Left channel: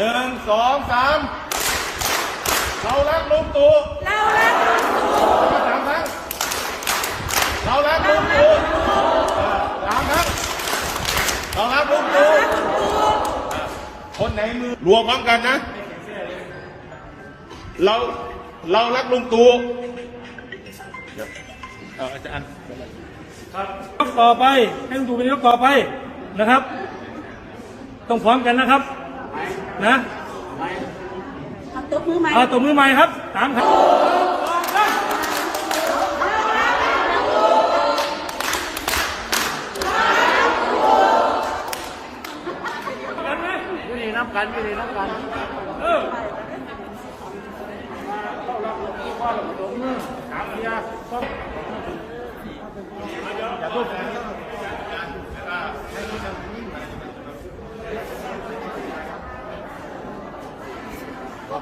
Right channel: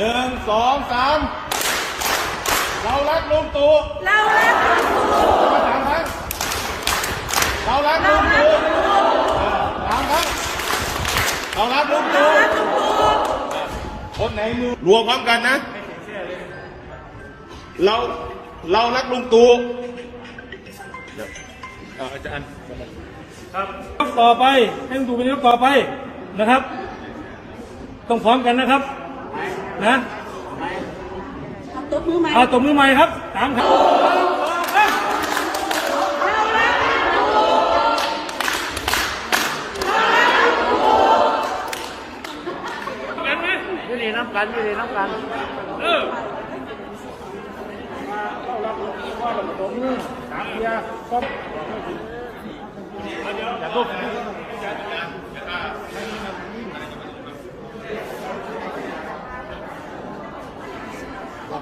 หนึ่งสองสามเรารักลุงตู่เรารักลุงตู่มาสามครั้งเรารักลุงตู่สามครั้งเรารักลุงตู่คนไหนมือรวมพร้อมกันนะ เราเรารักลุงตู่เอออาจารย์ครับต่อไปให้ลุงตู่เป็นนายกต่อไปนะครับ ต้องพร้อมกันนะครับ นะเอาตบมือใหม่เอาตบมือใหม่ครับสามครับกันไหมอยู่นี่น้ำกันอยู่นี่น้ำกันเออเอ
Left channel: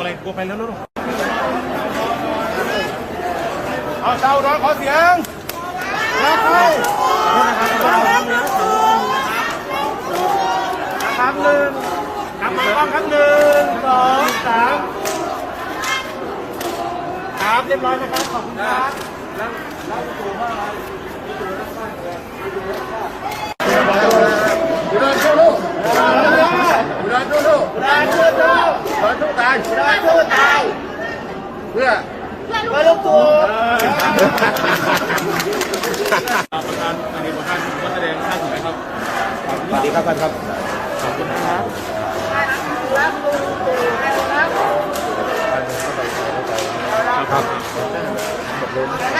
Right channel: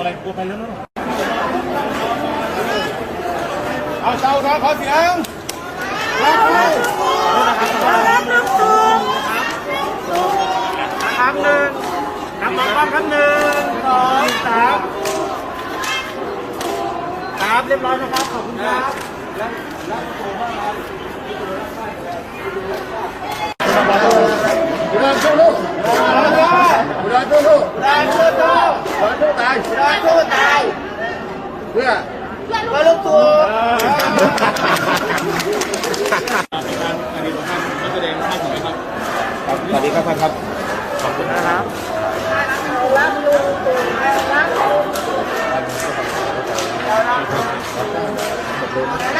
อะไรกลัวไปแล้วลูกเอาเตาร้อนขอเสียงรักเราคหนึ่งคำหนึ่หนึ่งสองสามสามเรียบร้อยนะครับขอบคุณครับรักรักตัวมากครตัวรัากตัวรักาายสู้ตาเพื่อเพื่อลูกตัวันนี้ระธสดีครับท่านครับขอบคุณนะครัครับ